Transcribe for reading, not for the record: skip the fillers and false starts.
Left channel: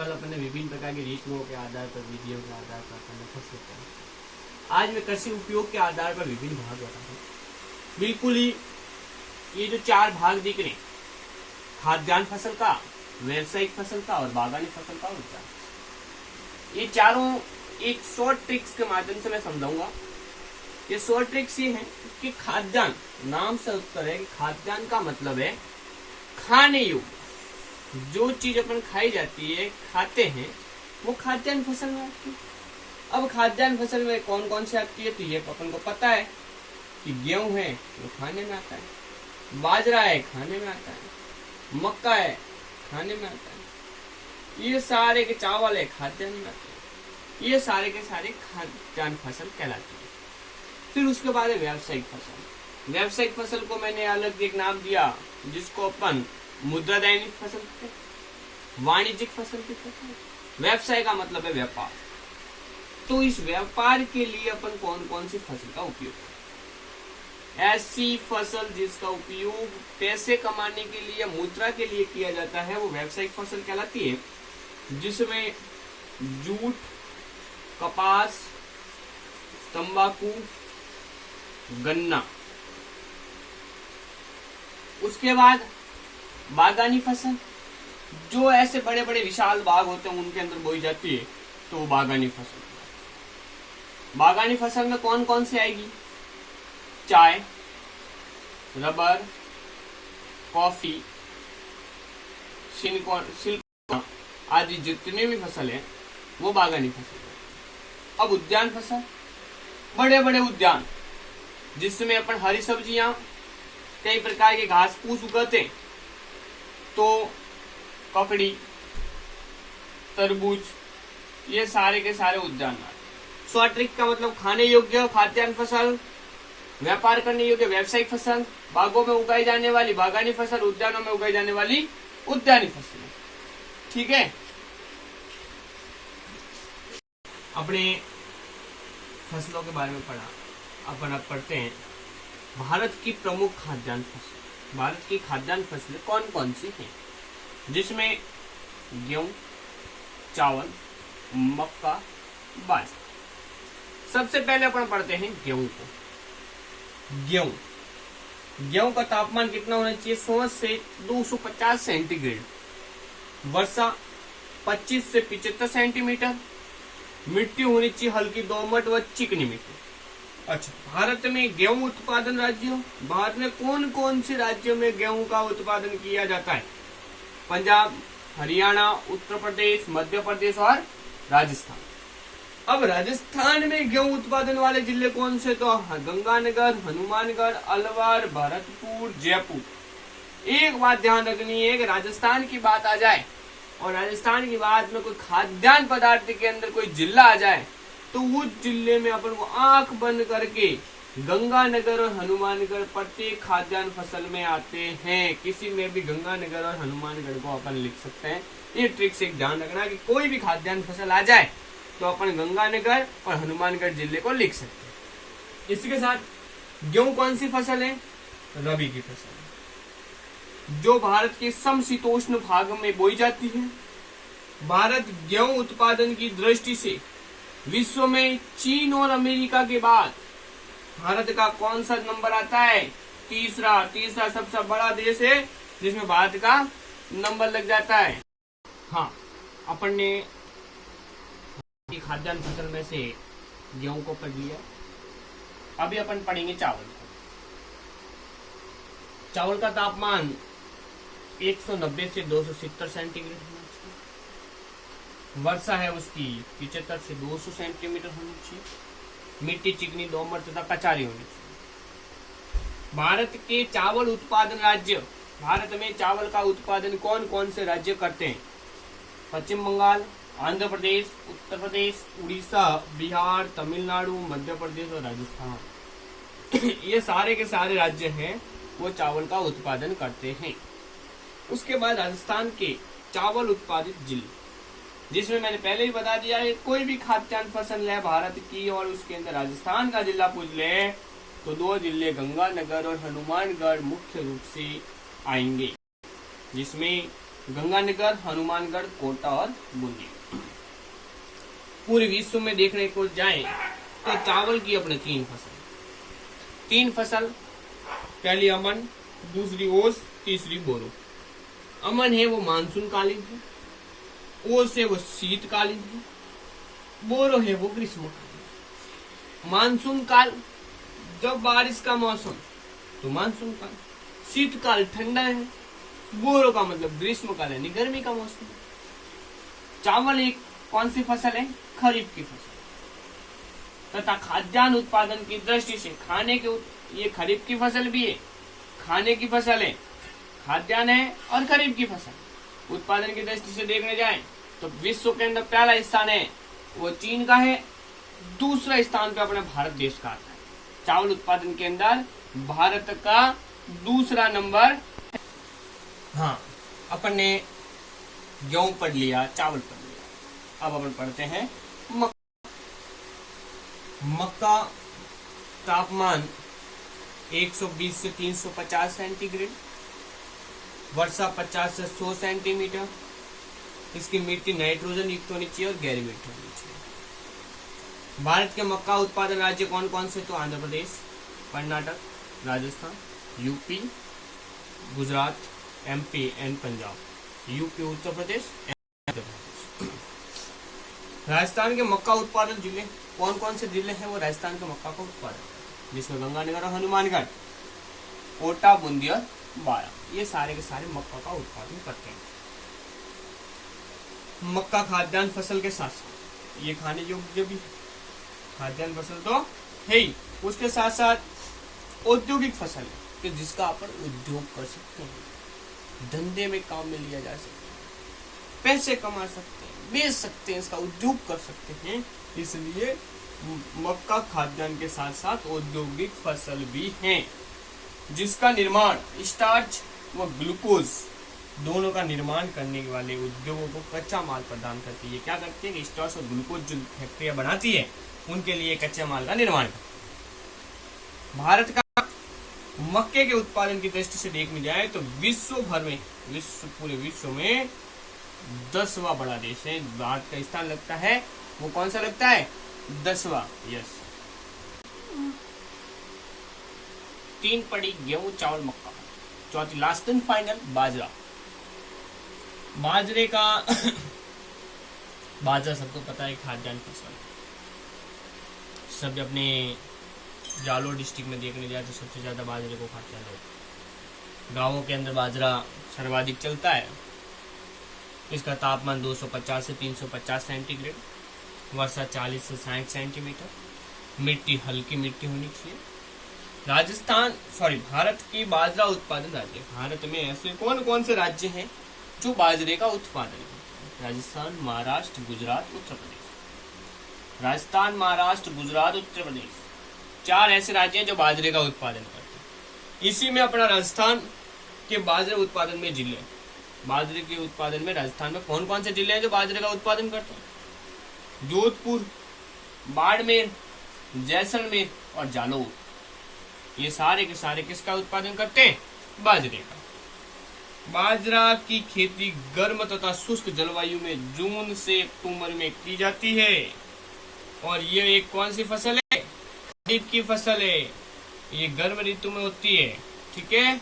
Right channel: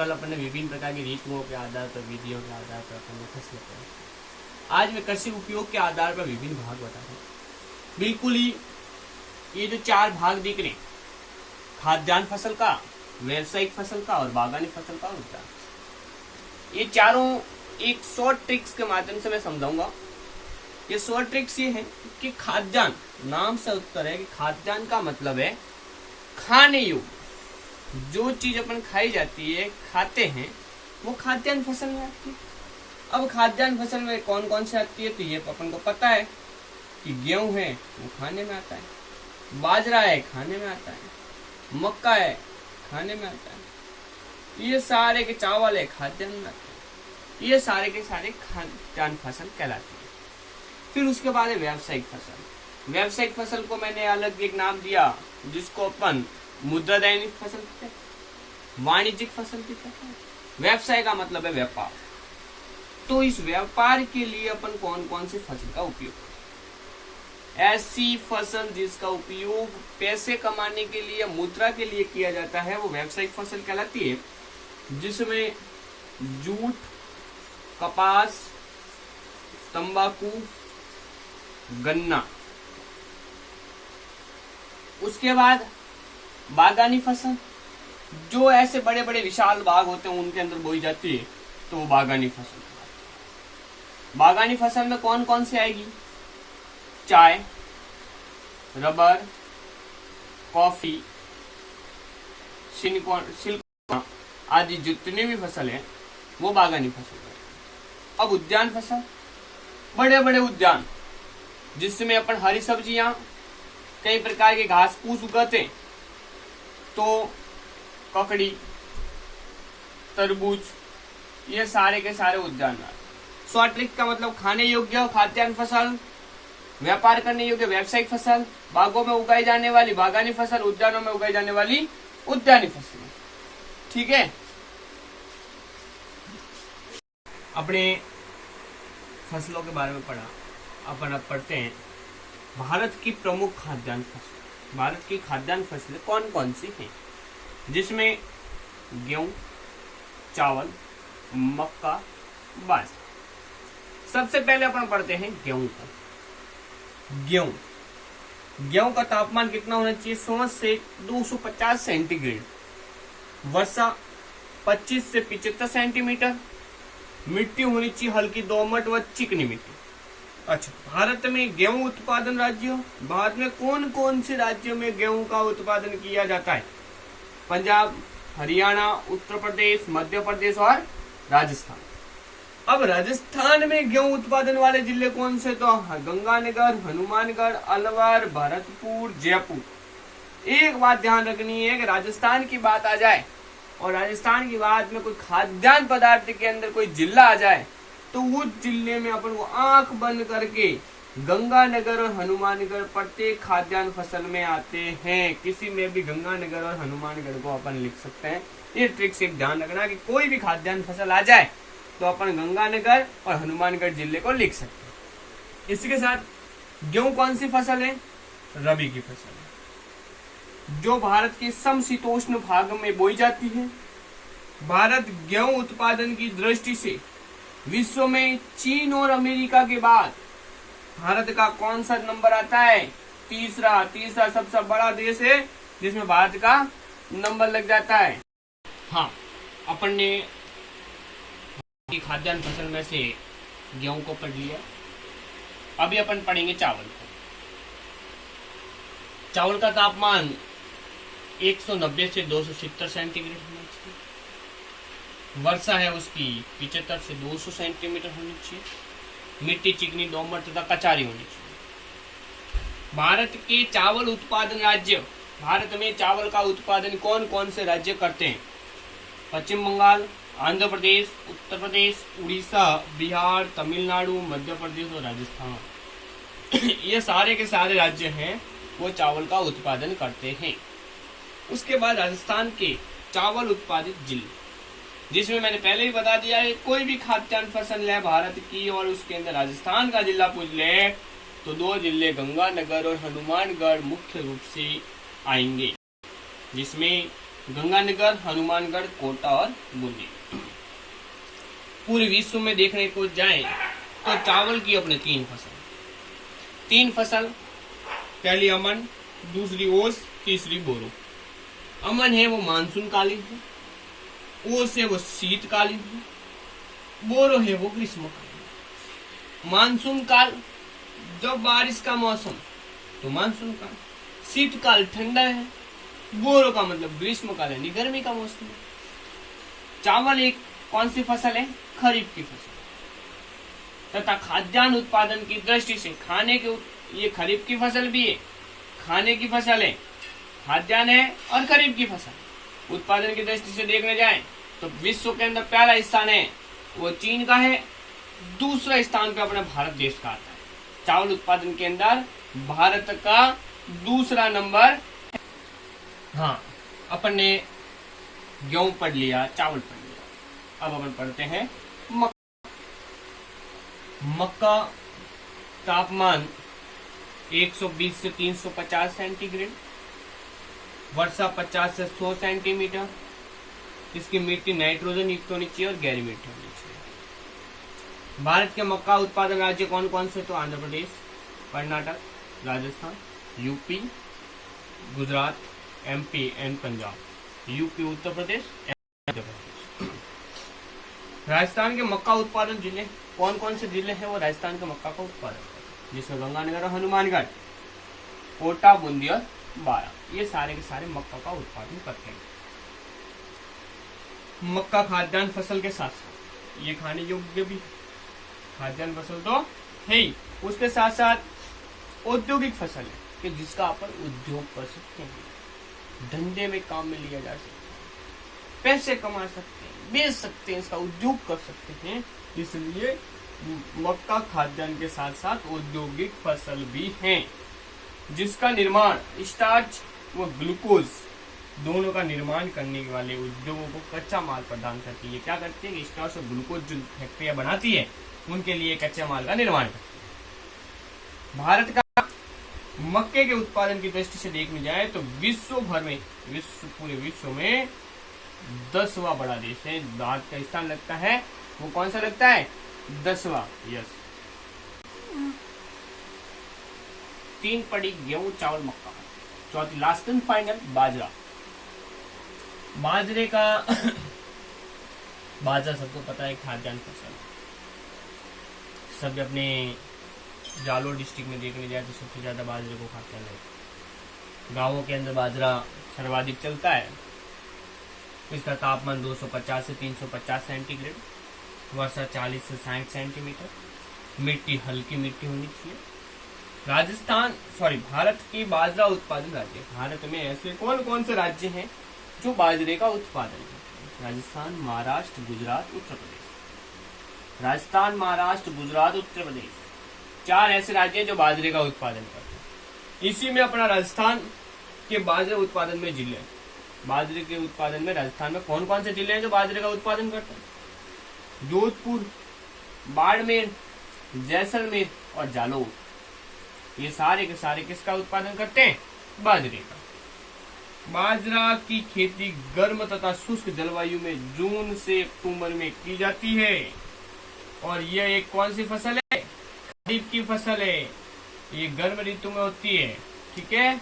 कल अपने विभिन्न प्रकार की रीतियों के आधार पर, विधियों के आधार पर अपने फसलें पढ़ी। आज मैं कृषि उपयोग के आधार पर विभिन्न भाग बता रहा हूँ। बिल्कुल ही ये जो 4 भाग दिख रहे, खाद्यान्न फसल का, व्यावसायिक फसल का और बागानी फसल का उद्यान, ये चारों एक शॉर्ट ट्रिक्स के माध्यम से मैं समझाऊंगा। ये शॉर्ट ट्रिक्स ये है कि खाद्यान्न, नाम से उत्तर है कि खाद्यान्न का मतलब है खाने योग्य, जो चीज अपन खाई जाती है, खाते हैं, वो खाद्यान्न फसल में आती है। अब खाद्यान्न फसल में कौन कौन से आती है, तो ये अपन को पता है कि गेहूं है वो खाने में आता है, बाजरा है खाने में आता है, मक्का है खाने में आता है, ये सारे के चावल है खाद्यान्न में आते हैं, ये सारे के सारे खाद्यान्न फसल कहलाते हैं। फिर उसके बाद है व्यावसायिक फसल। व्यावसायिक फसल को मैंने अलग एक नाम दिया, जिसको अपन मुद्रा दैनिक फसल, वाणिज्यिक फसल भी कहते हैं। व्यवसाय का मतलब है व्यापार। तो इस व्यापार के लिए अपन कौन कौन सी फसल का उपयोग करें? ऐसी फसल जिसका उपयोग पैसे कमाने के लिए, मुद्रा के लिए किया जाता है, वो व्यावसायिक फसल कहलाती है, जिसमें जूट, कपास, तंबाकू, गन्ना। उसके बाद बागानी फसल, जो ऐसे बड़े बड़े विशाल बाग होते हैं उनके अंदर बोई जाती है, तो वो बागानी फसल। बागानी फसल में कौन कौन सी आएगी? चाय, रबर, कॉफी, सिल्क आदि जितने भी फसल है वो बागानी फसल है। अब उद्यान फसल, बड़े बड़े उद्यान जिसमें अपन हरी सब्जियां, कई प्रकार के घास फूस उगाते, तो ककड़ी, तरबूज, ये सारे के सारे उद्यान। शॉर्ट ट्रिक का मतलब खाने योग्य खाद्यान्न फसल, व्यापार करने योग्य व्यावसायिक फसल, बागों में उगाई जाने वाली बागानी फसल, उद्यानों में उगाई जाने वाली उद्यानी फसल। ठीक है, अपने फसलों के बारे में पढ़ा, अपन अब पढ़ते हैं भारत की प्रमुख खाद्यान्न फसल। भारत की खाद्यान्न फसलें कौन कौन सी हैं? जिसमें गेहूं, चावल, मक्का, बाजरा। सबसे पहले अपन पढ़ते हैं गेहूं को। गेहूं का तापमान कितना होना चाहिए? 100 से 250 सेंटीग्रेड, वर्षा 25 से 75 सेंटीमीटर, मिट्टी होनी चाहिए हल्की दोमट व चिकनी मिट्टी। अच्छा, भारत में गेहूं उत्पादन राज्यों, भारत में कौन कौन से राज्यों में गेहूं का उत्पादन किया जाता है? पंजाब, हरियाणा, उत्तर प्रदेश, मध्य प्रदेश और राजस्थान। अब राजस्थान में गेहूं उत्पादन वाले जिले कौन से? तो गंगानगर, हनुमानगढ़, अलवर, भरतपुर, जयपुर। एक बात ध्यान रखनी है कि राजस्थान की बात आ जाए और राजस्थान की बात में कोई खाद्यान्न पदार्थ के अंदर कोई जिला आ जाए, तो उस जिले में अपन को आंख बंद करके गंगानगर और हनुमानगढ़ प्रत्येक खाद्यान्न फसल में आते हैं। किसी में भी गंगानगर और हनुमानगढ़ को अपन लिख सकते हैं। ये ट्रिक से ध्यान रखना कि कोई भी खाद्यान्न फसल आ जाए तो अपन गंगानगर और हनुमानगढ़ जिले को लिख सकते हैं। इसी के साथ गेहूं कौन सी फसल है? रबी की फसल है, जो भारत के समशीतोष्ण भाग में बोई जाती है। भारत गेहूं उत्पादन की दृष्टि से विश्व में चीन और अमेरिका के बाद भारत का कौन सा नंबर आता है? तीसरा सबसे बड़ा देश है, जिसमें भारत का नंबर लग जाता है। हाँ, अपन ने खाद्यान्न फसल में से गेहूं को पढ़ लिया। अभी अपन पढ़ेंगे चावल को। चावल का तापमान 190 से 270 सेंटीग्रेड होना चाहिए, वर्षा है उसकी 75 से 200 सेंटीमीटर होनी चाहिए, मिट्टी चिकनी दोमट तथा कचारी होनी चाहिए। भारत के चावल उत्पादन राज्य, भारत में चावल का उत्पादन कौन कौन से राज्य करते हैं? पश्चिम बंगाल, आंध्र प्रदेश, उत्तर प्रदेश, उड़ीसा, बिहार, तमिलनाडु, मध्य प्रदेश और राजस्थान। ये सारे के सारे राज्य हैं वो चावल का उत्पादन करते हैं। उसके बाद राजस्थान के चावल उत्पादित जिले, जिसमें मैंने पहले ही बता दिया है, कोई भी खाद्यान्न फसल है भारत की और उसके अंदर राजस्थान का जिला पूछ ले तो 2 जिले गंगानगर और हनुमानगढ़ मुख्य रूप से आएंगे, जिसमें गंगानगर, हनुमानगढ़, कोटा और बूंदी। पूरे विश्व में देखने को जाए तो चावल की अपने तीन फसल, पहली अमन, दूसरी ओस, तीसरी बोरो। अमन है वो मानसून कालीन है, ओस है वो शीतकालीन है, बोरो है वो ग्रीष्मकालीन। मानसून काल जब बारिश का मौसम तो मानसून काल, शीतकाल ठंडा है, बोरो का मतलब ग्रीष्म काल यानी गर्मी का मौसम है। चावल एक कौन सी फसल है? खरीफ की फसल तथा खाद्यान्न उत्पादन की दृष्टि से ये खरीफ की फसल भी है, खाने की फसल है, खाद्यान्न है और खरीफ की फसल। उत्पादन की दृष्टि से देखने जाए तो विश्व के अंदर पहला स्थान है वो चीन का है, दूसरा स्थान पे अपने भारत देश का आता है। चावल उत्पादन के अंदर भारत का दूसरा नंबर। हाँ, अपन ने गेहूं पढ़ लिया, चावल पढ़ लिया, अब अपन पढ़ते हैं मक्का। तापमान 120 से 350 सेंटीग्रेड, वर्षा 50 से 100 सेंटीमीटर, इसकी मिट्टी नाइट्रोजन युक्त होनी चाहिए और गहरी मिट्टी होनी चाहिए। भारत के मक्का उत्पादन राज्य कौन कौन से? तो Andhra Pradesh, Karnataka, Rajasthan, UP, Gujarat, MP and Punjab. UP Uttar Pradesh, Rajasthan के मक्का उत्पादन जिले कौन कौन से जिले हैं? वो राजस्थान के मक्का का उत्पादन, जिसमें गंगानगर और हनुमानगढ़, कोटा, बूंदी और बारा, ये सारे के सारे मक्का का उत्पादन करते हैं। मक्का खाद्यान्न फसल के साथ साथ ये खाने योग्य भी खाद्यान्न फसल तो है ही, उसके साथ साथ औद्योगिक फसल है कि जिसका अपन उद्योग कर सकते हैं, धंधे में काम में लिया जा सकता है, पैसे कमा सकते हैं, बेच सकते हैं, इसका उद्योग कर सकते हैं। इसलिए मक्का खाद्यान्न के साथ साथ औद्योगिक फसल भी है, जिसका निर्माण स्टार्च व ग्लूकोज दोनों का निर्माण करने वाले उद्योगों को कच्चा माल प्रदान करती है। क्या करती है? स्टार्च और ग्लूकोज जो फैक्ट्रियां बनाती है उनके लिए कच्चे माल का निर्माण करती है। भारत का मक्के के उत्पादन की दृष्टि से देखने जाए तो पूरे विश्व में 10वां बड़ा देश है। भारत का स्थान लगता है वो कौन सा लगता है? 10वां। यस। 3 पड़ी गेहूं, चावल, मक्का। चौथी लास्ट एंड फाइनल बाजरा। बाजरे का बाजरा सबको पता है खाद्यान्न फसल। सब अपने जालोर डिस्ट्रिक्ट में देखने जाए तो सबसे ज्यादा बाजरे को खाते हैं। गांवों के अंदर बाजरा सर्वाधिक चलता है। इसका तापमान 250 से 350 सेंटीग्रेड, वर्षा 40 से 60 सेंटीमीटर, मिट्टी हल्की मिट्टी होनी चाहिए। भारत की बाजरा उत्पादन राज्य। भारत में ऐसे कौन कौन से राज्य हैं जो बाजरे का उत्पादन करते हैं? राजस्थान, महाराष्ट्र, गुजरात, उत्तर प्रदेश। राजस्थान, महाराष्ट्र, गुजरात, उत्तर प्रदेश 4 ऐसे राज्य हैं जो बाजरे का उत्पादन करते हैं। इसी में अपना राजस्थान के बाजरे उत्पादन में जिले, बाजरे के उत्पादन में राजस्थान में कौन कौन से जिले हैं जो बाजरे का उत्पादन करते हैं? जोधपुर, बाड़मेर, जैसलमेर और जालौर। ये सारे के सारे किसका उत्पादन करते हैं? बाजरे का। बाजरा की खेती गर्म तथा शुष्क जलवायु में जून से अक्टूबर में की जाती है और यह एक कौन सी फसल है? खरीफ की फसल है। ये गर्म ऋतु में होती है। ठीक है।